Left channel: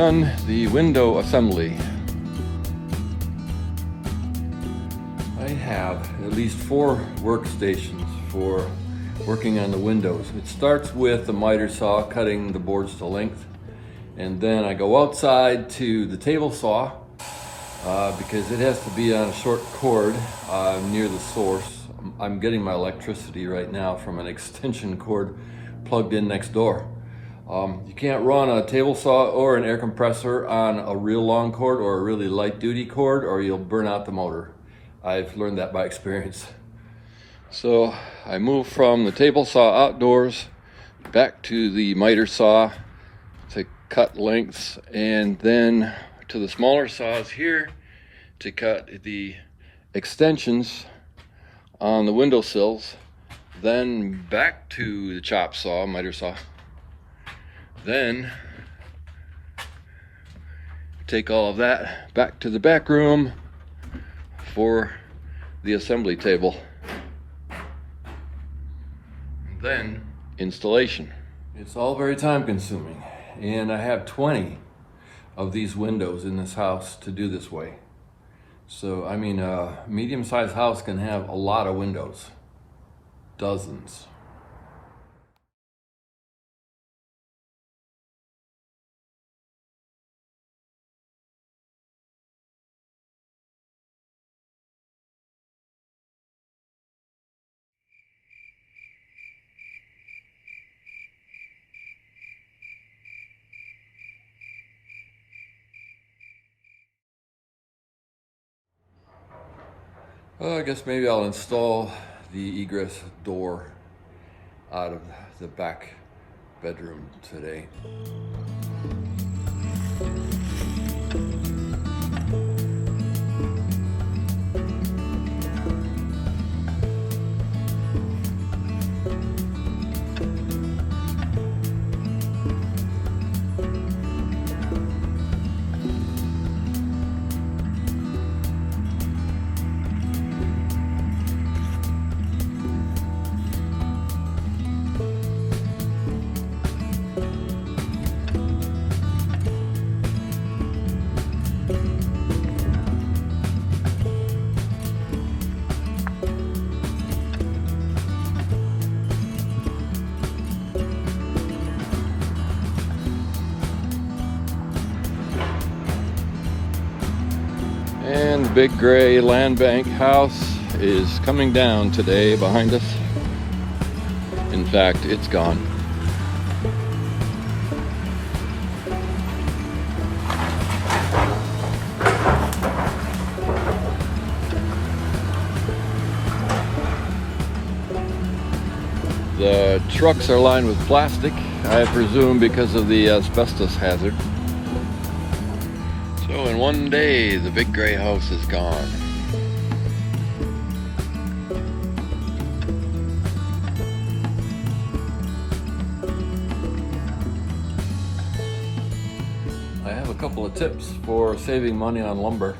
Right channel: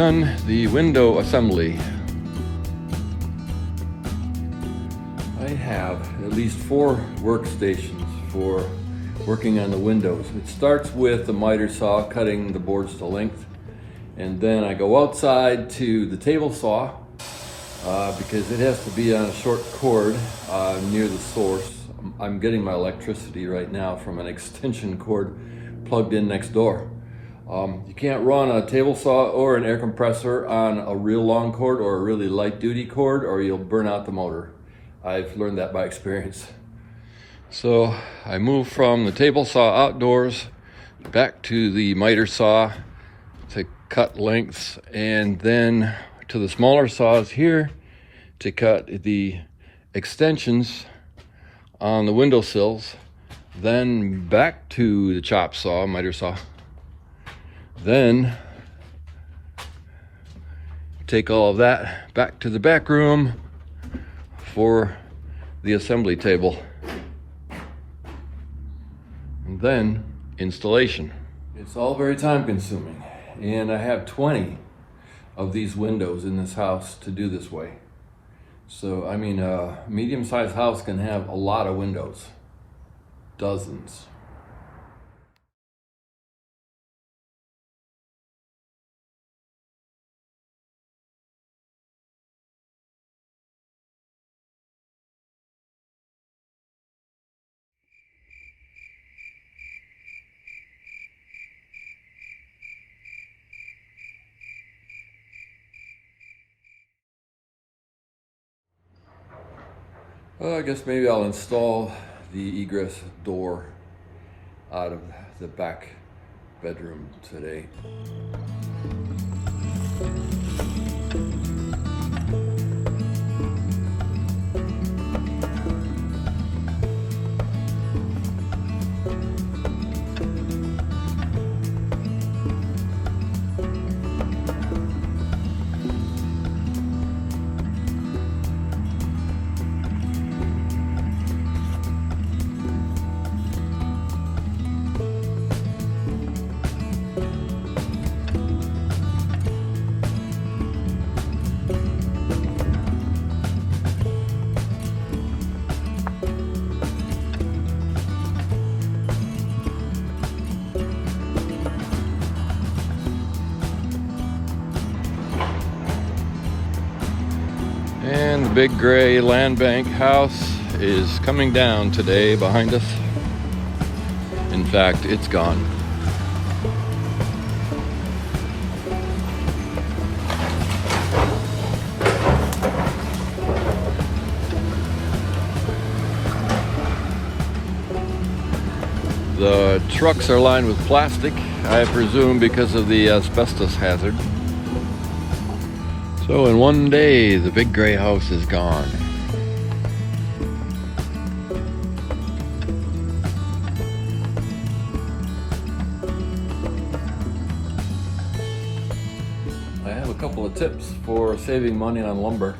begun the window assembly. I have at least 4 workstations for working on the windows. It starts with the miter saw cutting the boards to length, and then I go outside to the table saw because it has to be on a short cord near the source. I'm getting my electricity right now from an extension cord plugged in next door. You can't run a table saw or an air compressor on a real long cord or a really light duty cord, or you'll burn out the motor. I've learned that by experience. So I moved from the table saw outdoors back to the miter saw to cut lengths, and then to the smaller saws here to cut the extensions on the windowsills, then back to the chop saw, miter saw, then take all of that back to the back room for the assembly table, and then installation. It's all very time consuming, and I have 20 of these windows in this house to do this way. So, I mean, a medium-sized house can have a lot of windows, dozens. I guess maybe I'll install the egress door out of the back bedroom today. Big gray land bank house is coming down today behind us. In fact, it's gone. The trucks are lined with plastic, I presume because of the asbestos hazard. So in one day, the big gray house is gone. I have a couple of tips for saving money on lumber.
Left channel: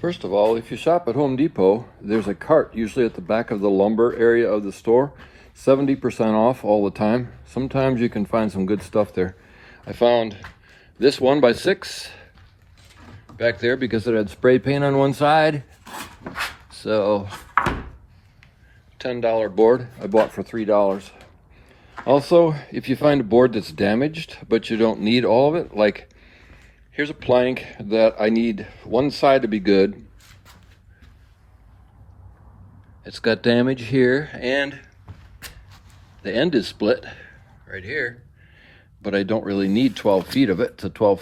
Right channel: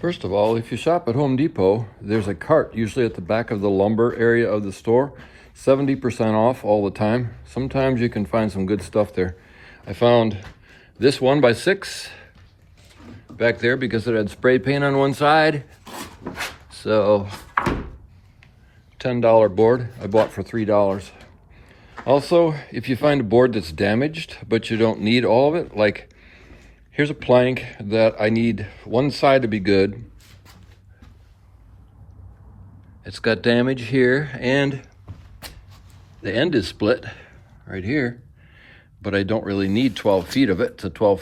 First of all, if you shop at Home Depot, there's a cart usually at the back of the lumber area of the store. 70% off all the time. Sometimes you can find some good stuff there. I found this 1x6 back there because it had spray paint on one side. So, $10 board I bought for $3. Also, if you find a board that's damaged, but you don't need all of it, like here's a plank that I need one side to be good. It's got damage here, and the end is split right here, but I don't really need 12 feet of it. It's a 12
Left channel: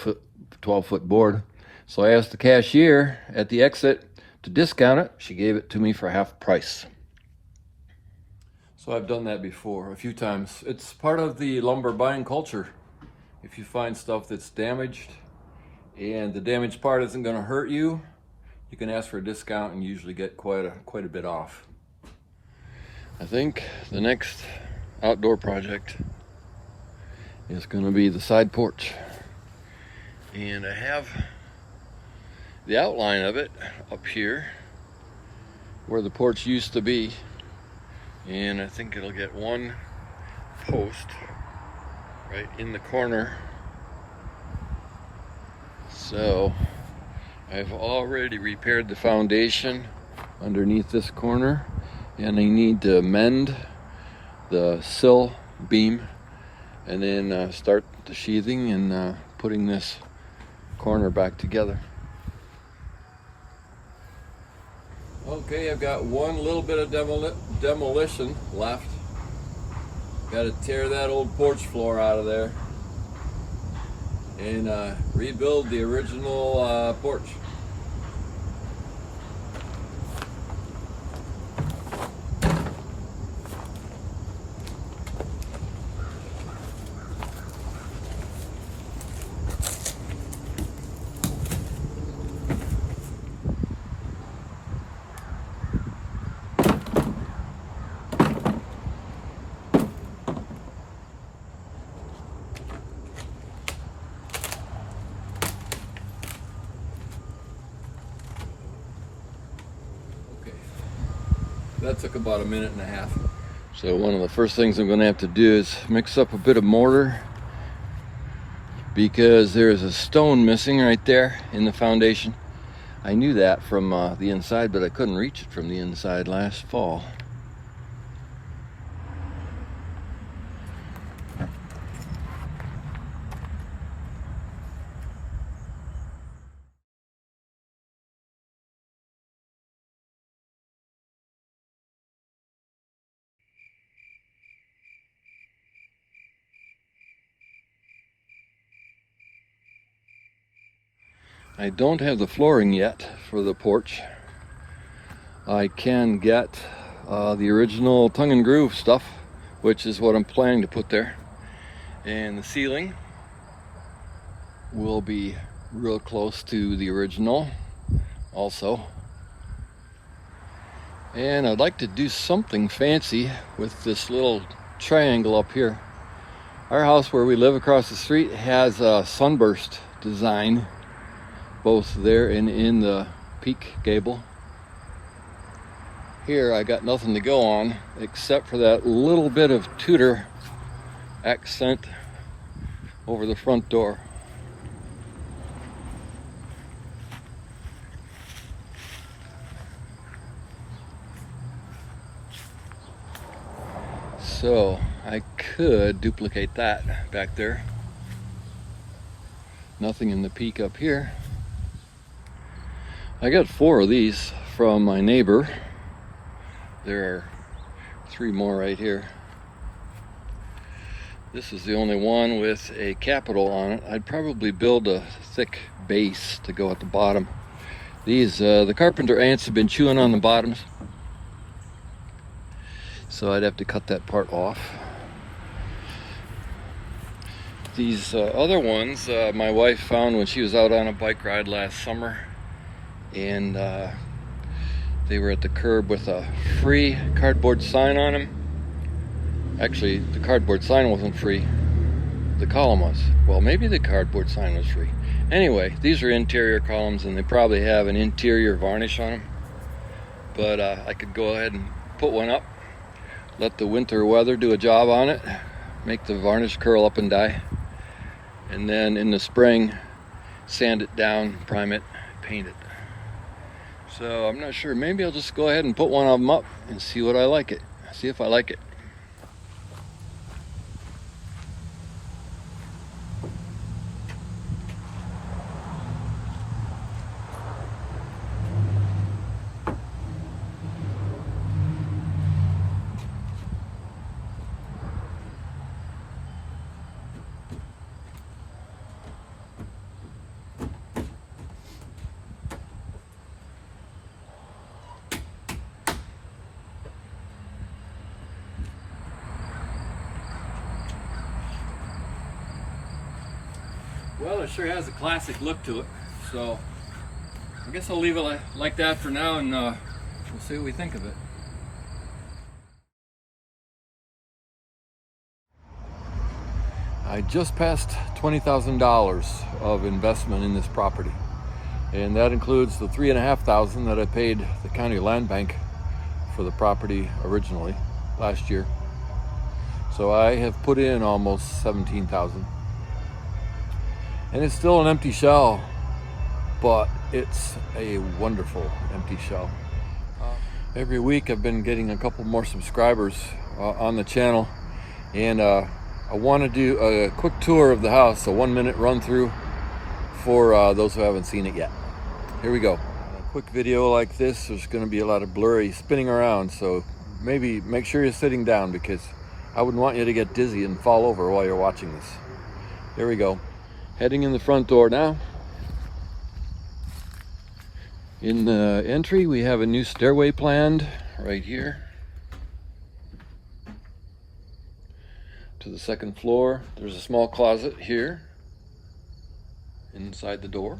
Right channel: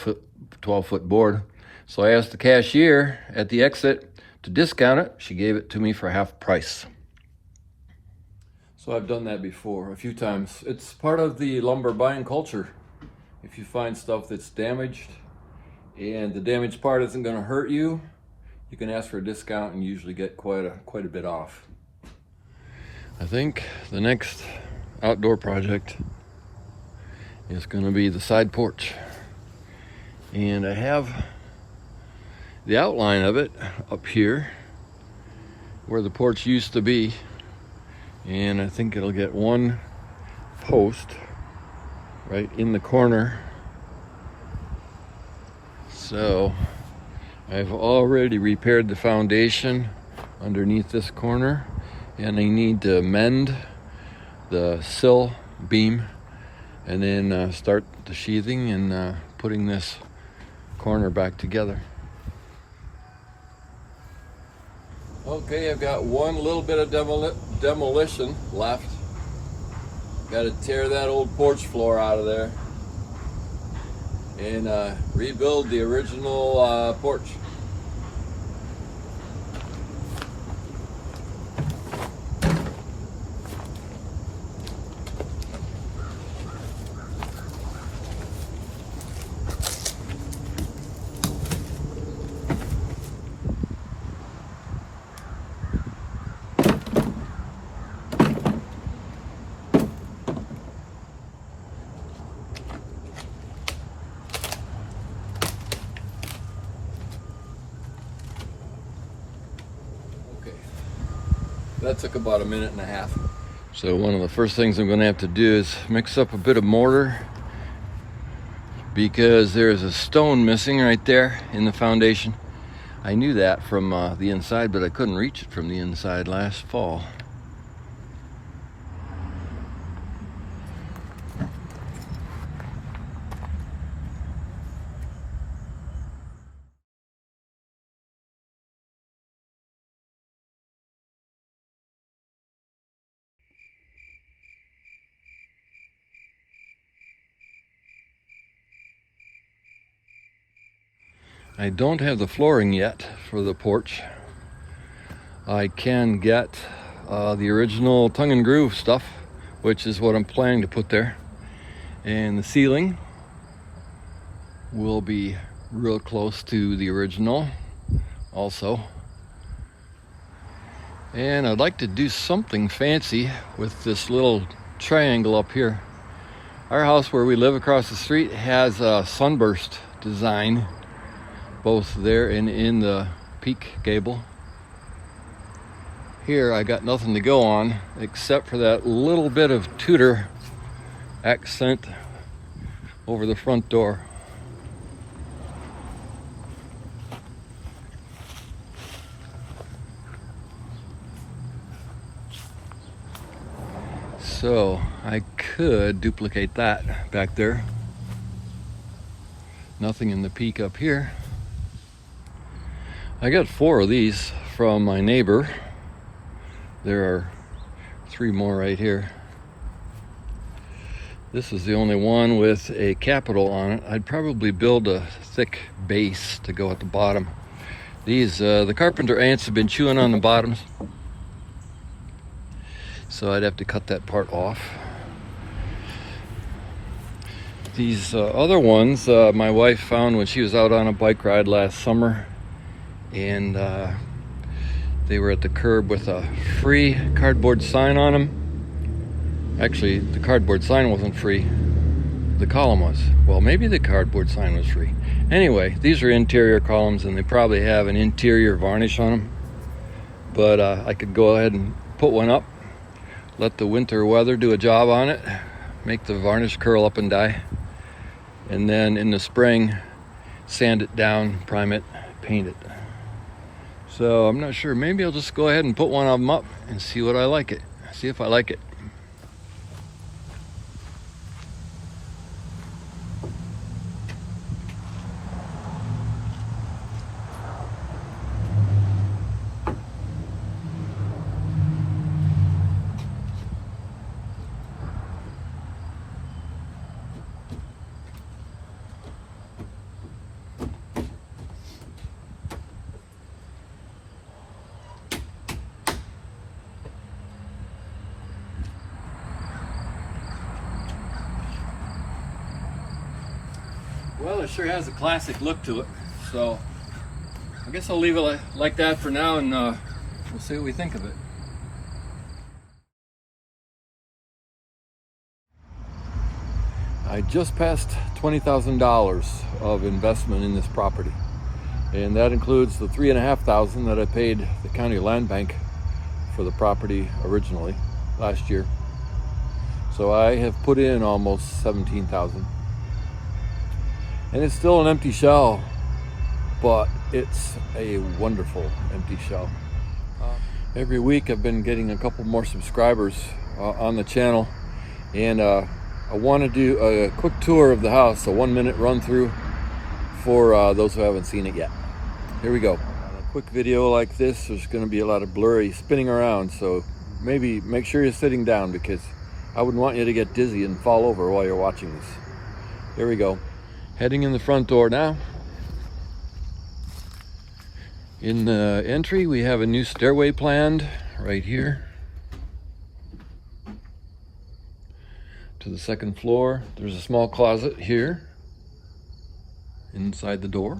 foot board. So I asked the cashier at the exit to discount it. She gave it to me for half price. So I've done that before a few times. It's part of the lumber buying culture. If you find stuff that's damaged and the damaged part isn't going to hurt you, you can ask for a discount and usually get quite a bit off. I think the next outdoor project is going to be the side porch. And I have the outline of it up here where the porch used to be, and I think it'll get one post right in the corner I've already repaired the foundation underneath this corner, and I need to mend the sill beam and then start the sheathing and putting this corner back together. Okay, I've got one little bit of demolition left. Got to tear that old porch floor out of there and rebuild the original porch. That took about a minute and a half. So one of the first things I'm going to have to do is mix up a bit of mortar, because there is a stone missing right there in the foundation. I knew that from the inside, but I couldn't reach it from the inside last fall. I don't have the flooring yet for the porch. I can get the original tongue and groove stuff, which is what I'm planning to put there. And the ceiling will be real close to the original also. And I'd like to do something fancy with this little triangle up here. Our house where we live across the street has a sunburst design, both there and in the peak gable. Here I got nothing to go on except for that little bit of Tudor accent over the front door. So I could duplicate that back there. Nothing in the peak up here. I got 4 of these from my neighbor. There are 3 more right here. This is the only one with a capital on it. I'd probably build a thick base to go at the bottom. These, the carpenter ants have been chewing on the bottoms, so I'd have to cut that part off. These other ones my wife found when she was out on a bike ride last summer, and they were at the curb with a free cardboard sign on them. Actually, the cardboard sign wasn't free. The column was. Well, maybe the cardboard sign was free. Anyway, these are interior columns, and they probably have an interior varnish on them. But I could go ahead and put one up, let the winter weather do a job on it, make the varnish curl up and die, and then in the spring, sand it down, prime it, paint it. So I'm not sure. Maybe I'll just go ahead and put one of them up and see what I like it. See if I like it. Well, it sure has a classic look to it, so I guess I'll leave it like that for now, and we'll see what we think of it. I just passed $20,000 of investment in this property, and that includes the $3,500 that I paid the county land bank for the property originally last year. So I have put in almost $17,000. And it's still an empty shell, but it's a wonderful empty shell. Every week I've been getting a couple more subscribers on the channel, and I want to do a quick tour of the house, a 1-minute run through for those who haven't seen it yet. Here we go. On a quick video like this, there's going to be a lot of blurry spinning around, so maybe make sure you're sitting down, because I wouldn't want you to get dizzy and fall over while you're watching this. Here we go. Heading in the front door now. In the entry, we have a new stairway planned right here to the second floor. There's a small closet here inside the door.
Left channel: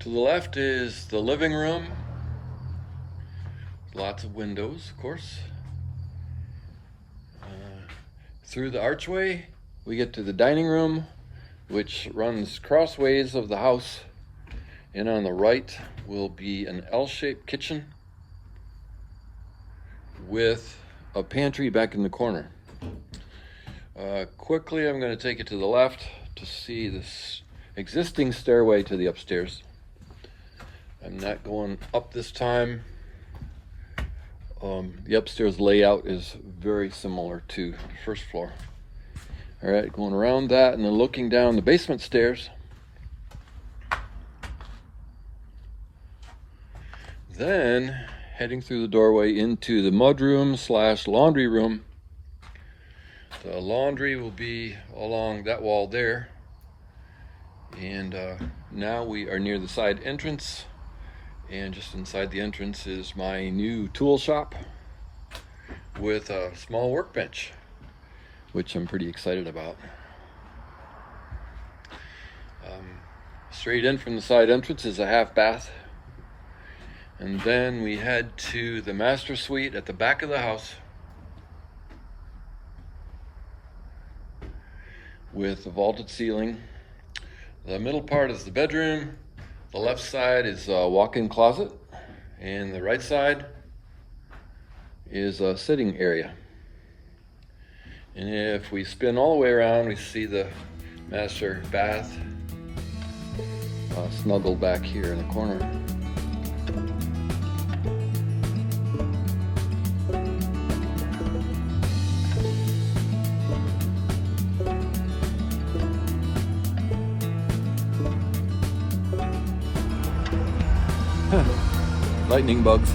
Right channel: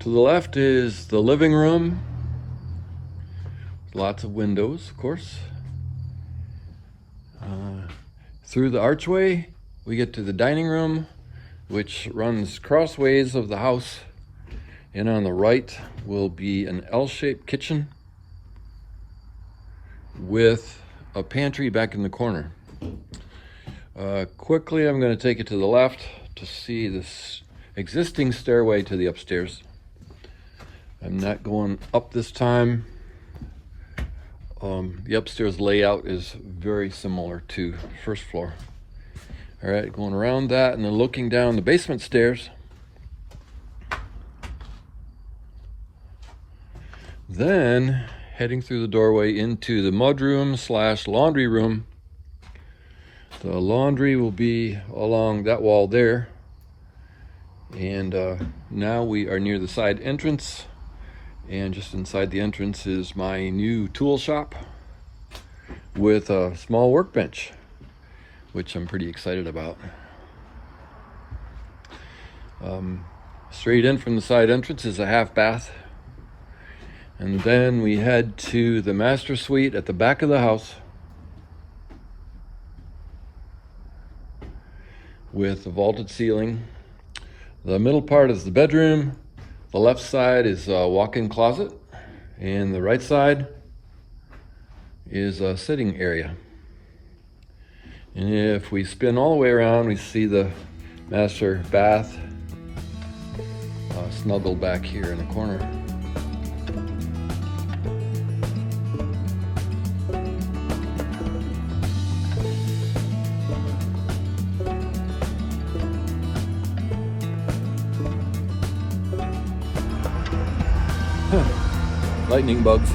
To the left is the living room. Lots of windows, of course. Through the archway, we get to the dining room, which runs crossways of the house. And on the right will be an L-shaped kitchen with a pantry back in the corner. Quickly, I'm going to take it to the left to see this existing stairway to the upstairs. I'm not going up this time. The upstairs layout is very similar to the first floor. All right, going around that and then looking down the basement stairs. Then heading through the doorway into the mudroom / laundry room. The laundry will be along that wall there. And now we are near the side entrance. And just inside the entrance is my new tool shop with a small workbench, which I'm pretty excited about. Straight in from the side entrance is a half bath. And then we head to the master suite at the back of the house with a vaulted ceiling. The middle part is the bedroom. The left side is a walk-in closet, and the right side is a sitting area. And if we spin all the way around, we see the master bath snuggled back here in the corner. Lightning bugs.